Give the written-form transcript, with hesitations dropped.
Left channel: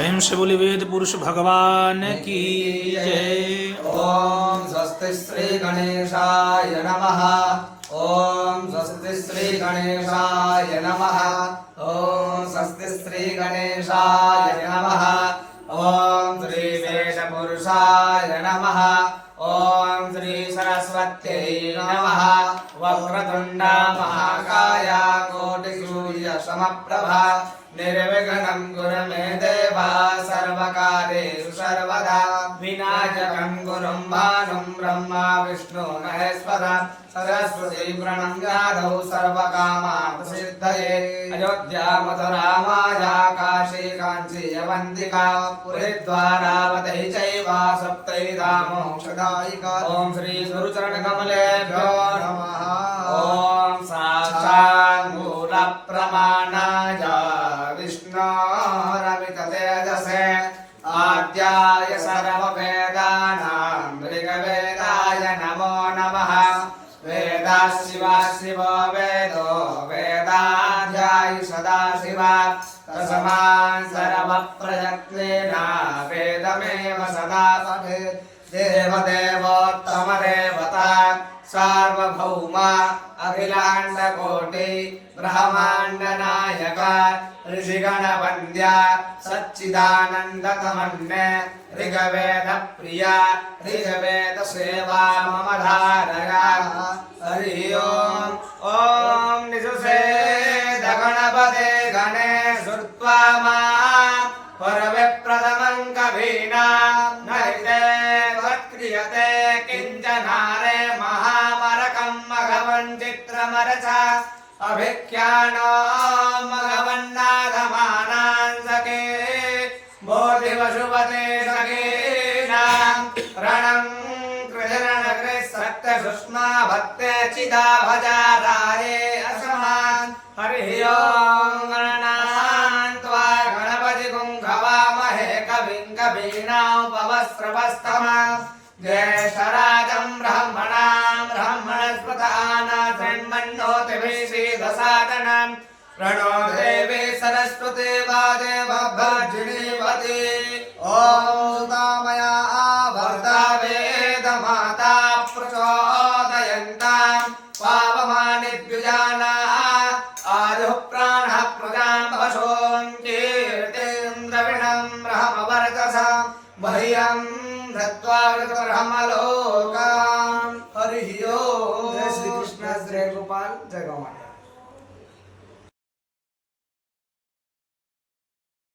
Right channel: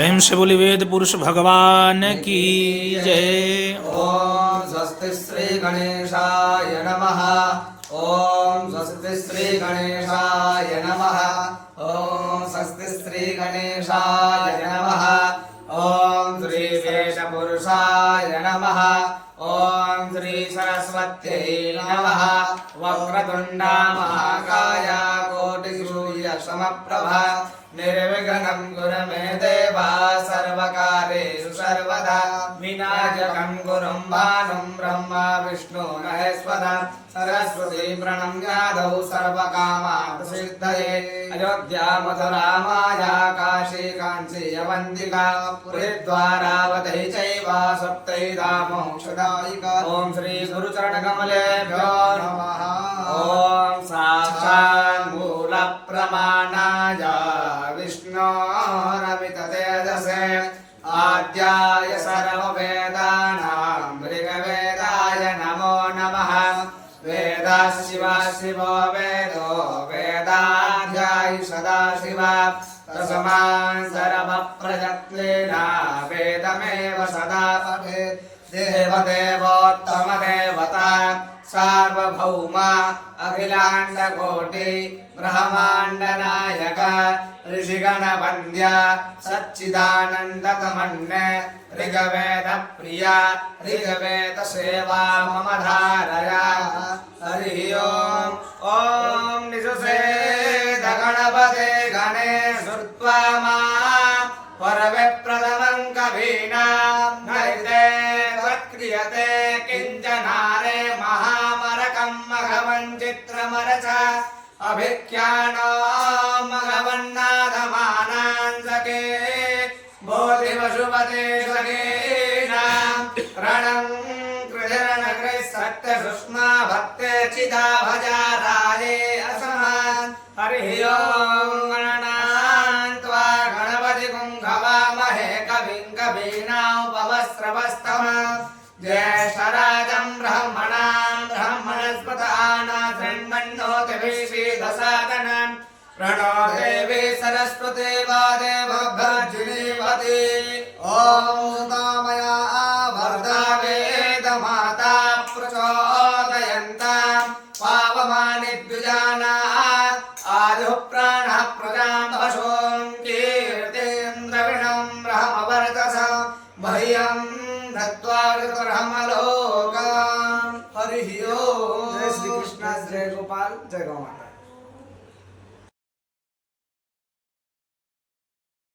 प्रेम से बोली वेद पुरुष भगवान की जय। ओम स्वस्ति श्री गणेशाय नमः। ओम स्वस्ति श्री गणेशाय नमः। ओम स्वस्ति श्री गणेशाय नमः। ओम श्री वेद पुरुषाय नमः। ओम श्री सरस्वत्यै नमः। वक्रतुंड महाकाय कोटिसूर्य समप्रभा निर्विघ्नं कुरु मे देव सर्वकार्येषु सर्वदा विनायकं गुरुं भानुं ब्रह्मा विष्णु महेश्वर सरस्वती प्रणम्यादौ सर्वकामार्थसिद्धये अयोध्या मथुरा माया काशी काञ्ची अवन्तिका पुरीद्वारावती चैव सप्तैधामोक्षदायिका। ॐ श्री गुरुचरणकमलेभ्यो नमः। ॐ साक्षात् मूलप्रमाणाय विष्णोरमिततेजसे आद्याय सर्ववेदानां ऋग्वेदाय नमो नमः। वेदाः शिवा शिवो वेदो वेदाध्यायि सदाशिव तस्मात् सर्वप्रयत्नेन वेदमेव सदा पठेत्। देवदेवोत्तमदेवता सार्वभौम अखिलाण्डकोटि ब्रह्माण्डनायक ऋषिगणवन्द्य सच्चिदानन्दतमन्ने ऋग्वेदप्रिय ऋग्वेदसेवा मम धारय। हरि ओम्। ॐ निषुषेद गणपते गणेशुर्त्वा परविप्रथमं कवीनां नरिते त्वत्क्रियते किञ्चनारे महामरकं मघवन् चित्रमरच अभिख्यानो मघवन्नाथमानान् सखे बोधिवशुपते सखेनां रणं कृतिरणकृत्सत्यसुष्मा भक्ते चिदा भजा राये असमान्। हरिः ओम्। गणनान्त्वा गणपति गुंघवामहे कविं कवीनामुपवस्त्रवस्तमम् ज्येष्ठराजं ब्रह्मणां ब्रह्मणस्पदानाशृण्वन्नोतिभिः श्रीदसादनम् प्रणो देवी सरस्वती वादेवभर्जिनीवती। ॐ सुतामया आवर्ता वेदमाता प्रचोदयन्तां पावमानि द्विजाना आयुः प्राणः प्रजां वशों कीर्तिं द्रविणं ब्रह्मवर्चसा मह्यं दत्त्वा ब्रह्मलोकान्। हरिः ओम्। जय श्री कृष्ण जय गोपाल जय गौमाता।